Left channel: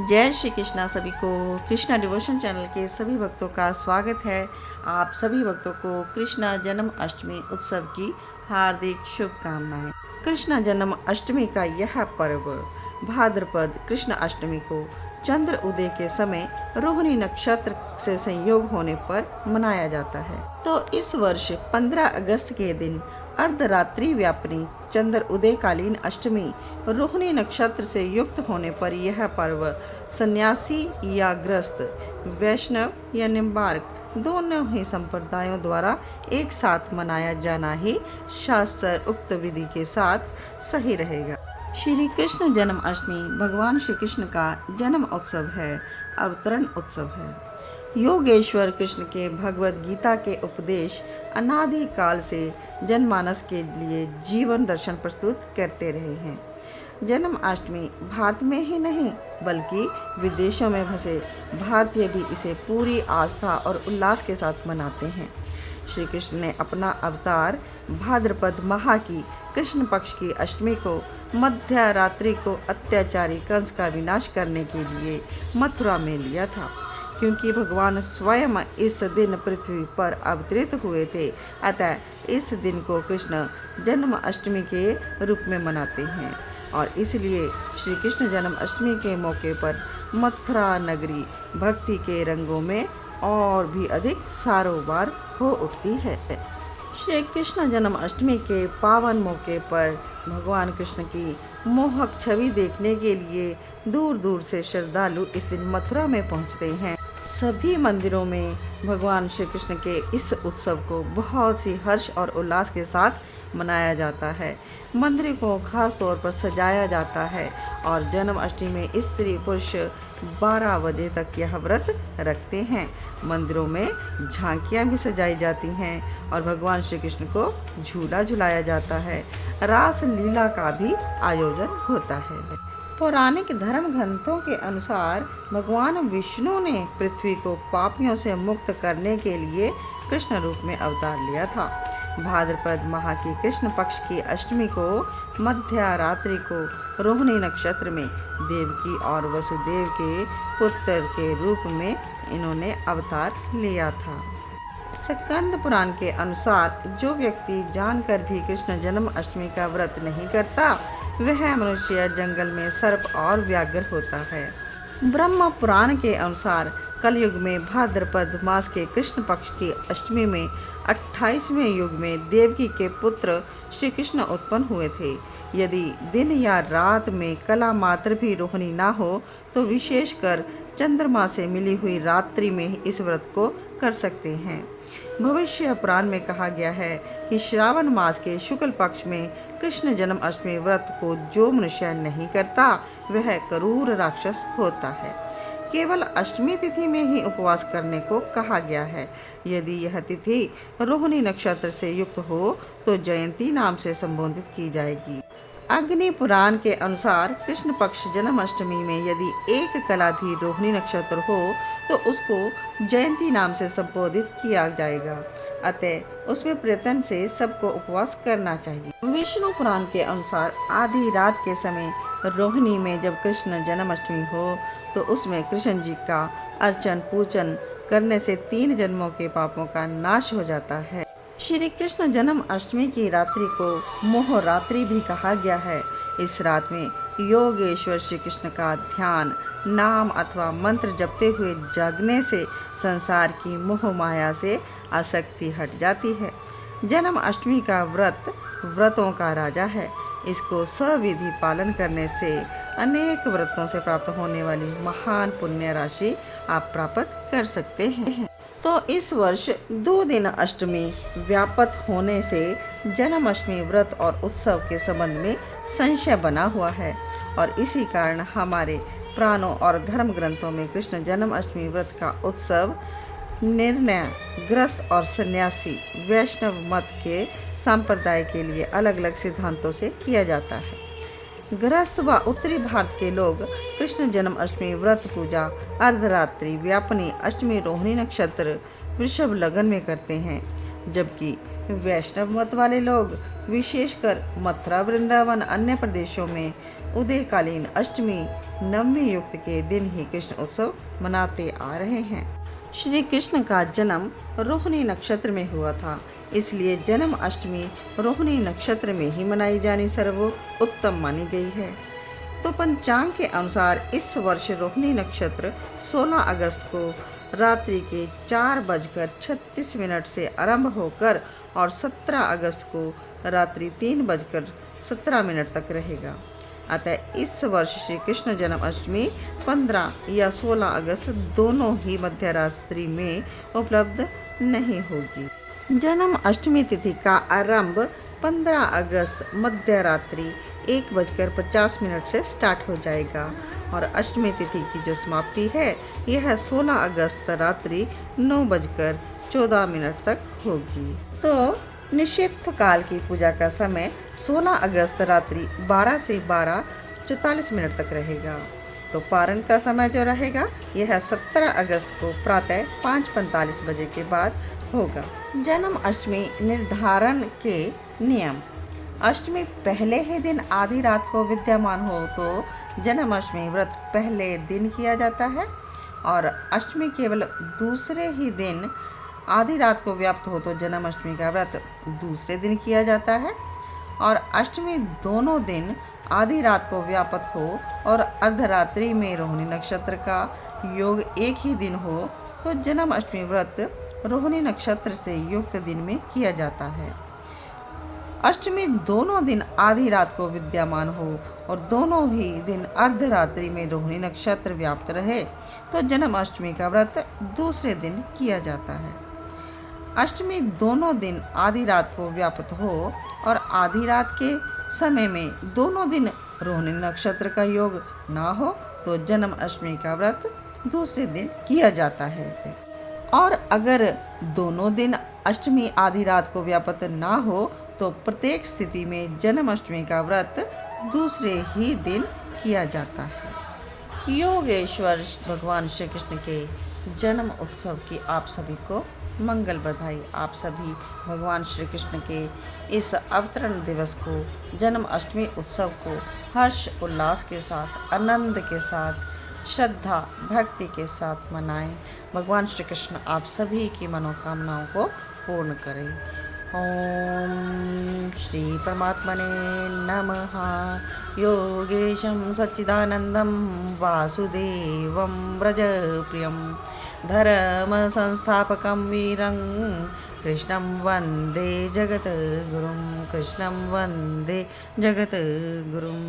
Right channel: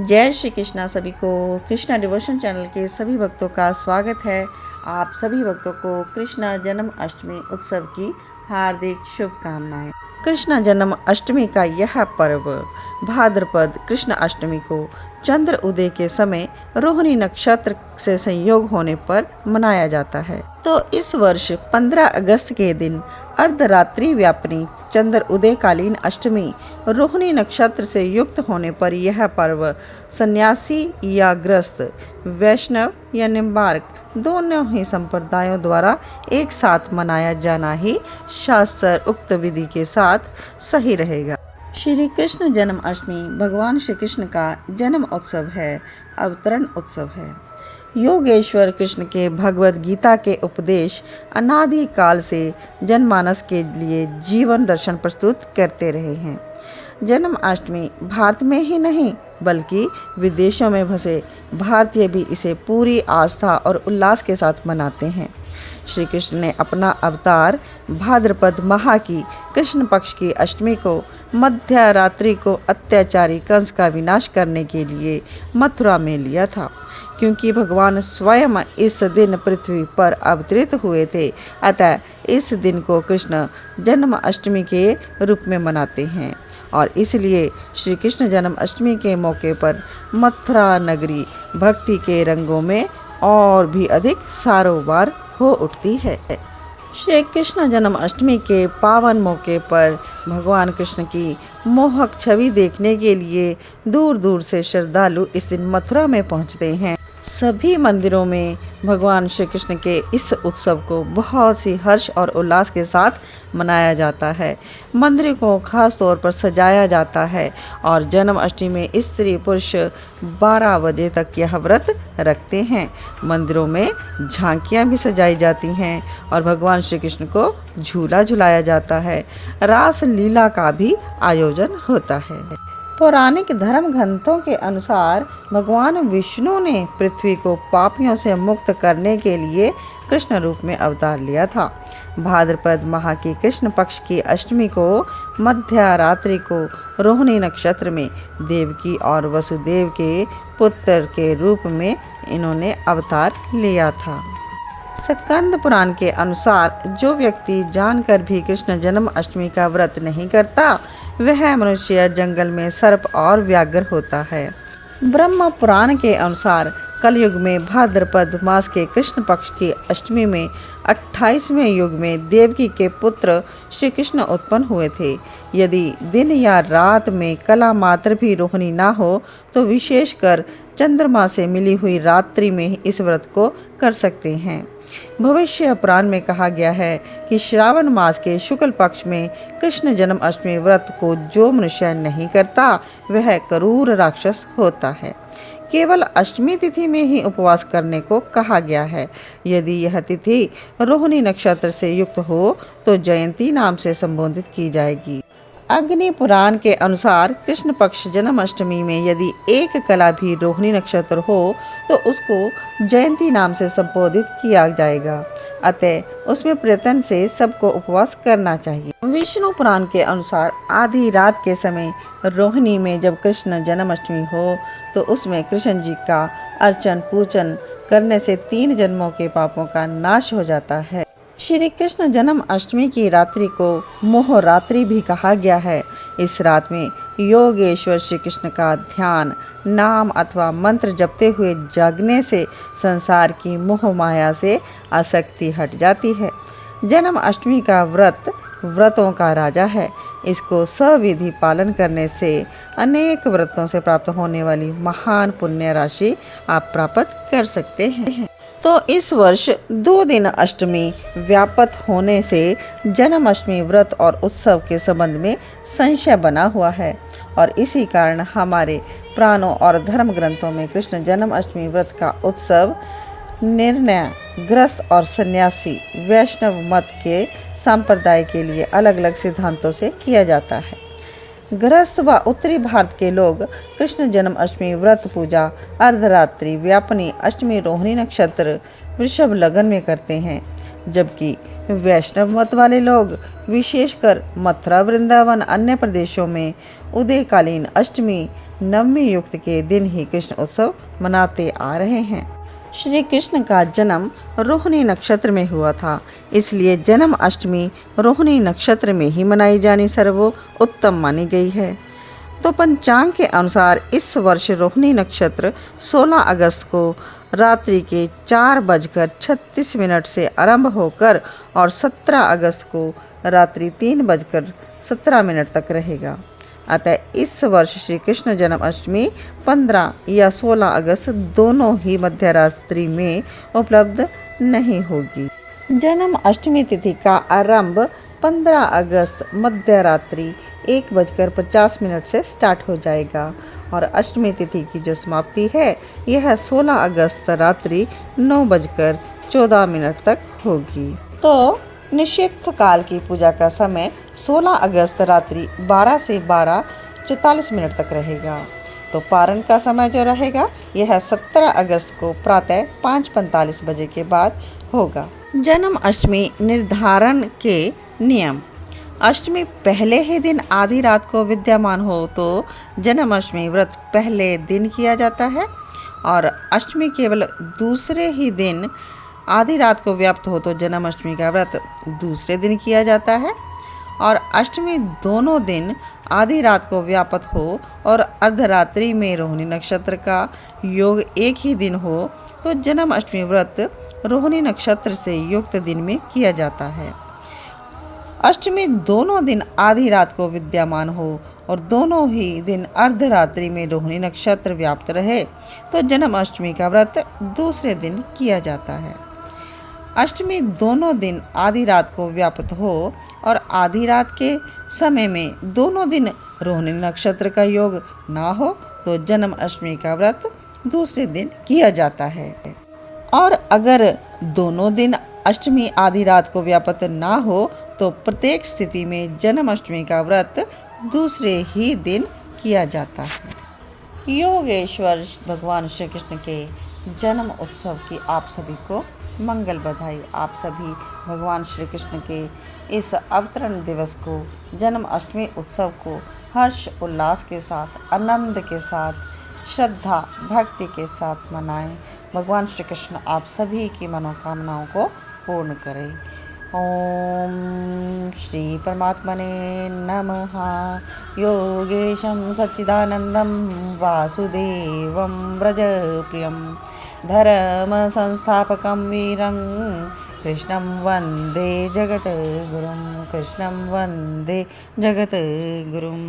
जय श्री कृष्णा। सभी को कृष्णा डिवोशन चैनल के सभी भक्तों का स्वागत है। आप सभी भक्तों को कृष्णा जन्माष्टमी उत्सव की हार्दिक शुभकामनाएं। कृष्ण जन्माष्टमी का यह पर्व भाद्रपद कृष्ण अष्टमी को चंद्र उदय के समय रोहिणी नक्षत्र से संयोग होने पर मनाया जाता है। तो इस वर्ष 15 अगस्त के दिन अर्धरात्रि व्यापिनी चंद्र उदयकालीन अष्टमी रोहिणी नक्षत्र से युक्त होने पर यह पर्व सन्यासी या गृहस्थ, वैष्णव या निम्बार्क दोनों ही संप्रदायों द्वारा एक साथ मनाया जाना ही शास्त्र उक्त विधि के साथ सही रहेगा। श्री कृष्ण जन्माष्टमी भगवान श्री कृष्ण का जन्म उत्सव है, अवतरण उत्सव है। योगेश्वर कृष्ण के भगवत गीता के उपदेश अनादि काल से जनमानस के लिए जीवन दर्शन प्रस्तुत करते रहे हैं। जन्माष्टमी भारत में ही नहीं बल्कि विदेशों में बसे भारतीय भी इसे पूरी आस्था और उल्लास के साथ मनाते हैं। श्री कृष्ण ने अपना अवतार भाद्रपद माह की कृष्ण पक्ष की अष्टमी को मध्य रात्रि को अत्याचारी कंस का विनाश करने के लिए मथुरा में लिया था। क्योंकि भगवान स्वयं इस दिन पृथ्वी पर अवतरित हुए थे, अतः इस दिन को कृष्ण जन्माष्टमी के रूप में मनाते हैं और इसलिए श्री कृष्ण जन्माष्टमी के मौके पर मथुरा नगरी भक्ति के रंगों में और भी अधिक सारोबार हो उठती है। श्री कृष्ण जन्माष्टमी के पावन मौके पर भगवान कृष्ण की मोहक छवि देखने के लिए दूर दूर से श्रद्धालु इस दिन मथुरा में पहुंचते हैं। सभी मंदिरों में भगवान श्री कृष्ण के इस उत्सव को बहुत सी हर्ष और उल्लास के साथ मनाया जाता है। मंदिर को खास तौर पर सजाया जाता है और जन्माष्टमी में स्त्री पुरुष 12 बजे तक यह व्रत रखते हैं। मंदिरों में झांकियाँ भी सजाई जाती हैं और भगवान श्री कृष्ण को झूला झुलाया जाता है। रास लीला का भी आयोजन होता है। पौराणिक धर्म ग्रंथों के अनुसार भगवान विष्णु ने पृथ्वी को पापियों से मुक्त करने के लिए कृष्ण रूप में अवतार लिया था। भाद्रपद माह की कृष्ण पक्ष की अष्टमी को मध्य रात्रि को रोहिणी नक्षत्र में देवकी और वसुदेव के पुत्र के रूप में इन्होंने अवतार लिया था। स्कंद पुराण के अनुसार जो व्यक्ति जानकर भी कृष्ण जन्माष्टमी का व्रत नहीं करता वह मनुष्य जंगल में सर्प और व्याघ्र होता है। ब्रह्म पुराण के अनुसार कलयुग में भाद्रपद मास के कृष्ण पक्ष की अष्टमी में 28वें युग में देवकी के पुत्र श्री कृष्ण उत्पन्न हुए थे। यदि दिन या रात में कला मात्र भी रोहिणी ना हो तो विशेषकर चंद्रमा से मिली हुई रात्रि में इस व्रत को कर सकते हैं। भविष्य पुराण में कहा गया है कि श्रावण मास के शुक्ल पक्ष में कृष्ण जन्माष्टमी व्रत को जो मनुष्य नहीं करता वह क्रूर राक्षस होता है। केवल अष्टमी तिथि में ही उपवास करने को कहा गया है। यदि यह तिथि रोहिणी नक्षत्र से युक्त हो तो जयंती नाम से संबोधित की जाएगी। अग्नि पुराण के अनुसार कृष्ण पक्ष जन्माष्टमी में यदि एक कला भी रोहिणी नक्षत्र हो तो उसको जयंती नाम से संबोधित किया जाएगा। अतः उसमें प्रयत्न से सबको उपवास करना चाहिए। विष्णु पुराण के अनुसार आधी रात के समय रोहिणी में जब कृष्ण जन्माष्टमी हो तो उसमें कृष्ण जी का अर्चन पूजन करने से 3 जन्मों के पापों का नाश हो जाता है। श्री कृष्ण जन्माष्टमी की रात्रि को मोह रात्रि भी कहा गया है। इस रात में योगेश्वर श्री कृष्ण का ध्यान नाम अथवा मंत्र जपते हुए जागने से संसार की मोह माया से आसक्ति हट जाती है। जन्माष्टमी का व्रत व्रतों का राजा है। इसको सविधि पालन करने से अनेक व्रतों से प्राप्त होने वाली महान पुण्य राशि आप प्राप्त कर सकते हैं। तो इस वर्ष 2 दिन अष्टमी व्यापत होने से जन्माष्टमी व्रत और उत्सव के संबंध में संशय बना हुआ है और इसी कारण हमारे पुराणों और धर्म ग्रंथों में कृष्ण जन्माष्टमी व्रत का उत्सव निर्णय गृहस्थ और सन्यासी वैष्णव मत के संप्रदाय के लिए अलग अलग सिद्धांतों से किया जाता है। गृहस्थ व उत्तरी भारत के लोग कृष्ण जन्माष्टमी व्रत पूजा अर्धरात्रि व्यापिनी अष्टमी रोहिणी नक्षत्र वृषभ लगन में करते हैं, जबकि वैष्णव मत वाले लोग विशेषकर मथुरा वृंदावन अन्य प्रदेशों में उदयकालीन अष्टमी नवमी युक्त के दिन ही कृष्ण उत्सव मनाते आ रहे हैं। श्री कृष्ण का जन्म रोहिणी नक्षत्र में हुआ था, इसलिए जन्माष्टमी रोहिणी नक्षत्र में ही मनाई जानी सर्वोत्तम मानी गई है। तो पंचांग के अनुसार इस वर्ष रोहिणी नक्षत्र 16 अगस्त को रात्रि के 4:36 से आरंभ होकर और 17 अगस्त को रात्रि 3:17 तक रहेगा। अतः इस वर्ष श्री कृष्ण जन्माष्टमी 15 या 16 अगस्त दोनों ही मध्य रात्रि में उपलब्ध नहीं होगी। जन्माष्टमी तिथि का आरंभ 15 अगस्त मध्य रात्रि 1:50 से स्टार्ट हो जाएगा और अष्टमी तिथि की जो समाप्ति है यह 16 अगस्त रात्रि 9:14 तक होगी। तो निषिद्ध काल की पूजा का समय 16 अगस्त रात्रि 12 से 12:44 तक रहेगा। तो पारण का समय जो रहेगा यह 17 अगस्त को प्रातः 5:45 बजे के बाद होगा। जन्माष्टमी निर्धारण के नियम। अष्टमी पहले ही दिन आधी रात को विद्यमान हो तो जन्माष्टमी व्रत पहले दिन किया जाता है और अष्टमी केवल दूसरे ही दिन आधी रात को व्याप्त हो तो जन्माष्टमी का व्रत दूसरे दिन किया जाता है और अष्टमी दोनों दिन आधी रात को व्याप्त हो और अर्धरात्रि में रोहिणी नक्षत्र का योग एक ही दिन हो तो जन्माष्टमी व्रत रोहिणी नक्षत्र से युक्त दिन में किया जाता है। अष्टमी दोनों दिन आधी रात को विद्यमान हो और दोनों ही दिन अर्धरात्रि में रोहिणी नक्षत्र व्याप्त रहे तो जन्माष्टमी का व्रत दूसरे दिन किया जाता है। अष्टमी दोनों दिन आधी रात को व्याप्त हो और आधी रात के समय में दोनों दिन रोहिणी नक्षत्र का योग ना हो तो जन्माष्टमी का व्रत दूसरे दिन किया जाता है। और अगर दोनों दिन अष्टमी आधी रात को व्याप्त ना हो तो प्रत्येक स्थिति में जन्माष्टमी का व्रत दूसरे ही दिन किया जाता है। योगेश्वर भगवान श्री कृष्ण के जन्म उत्सव की आप सभी को मंगल बधाई। आप सभी भगवान श्री कृष्ण के इस अवतरण दिवस को जन्माष्टमी उत्सव को हर्ष उल्लास के साथ, आनंद के साथ, श्रद्धा भक्ति के साथ मनाएं। भगवान श्री कृष्ण आप सभी की मनोकामनाओं को पूर्ण करें। ओम श्री परमात्मने नमः। योगेशं सच्चिदानंदं वासुदेवं व्रजप्रियं धर्म संस्थापकं वीरं कृष्णं वन्दे जगद्गुरुं। कृष्णं वन्दे जगद्गुरुम्।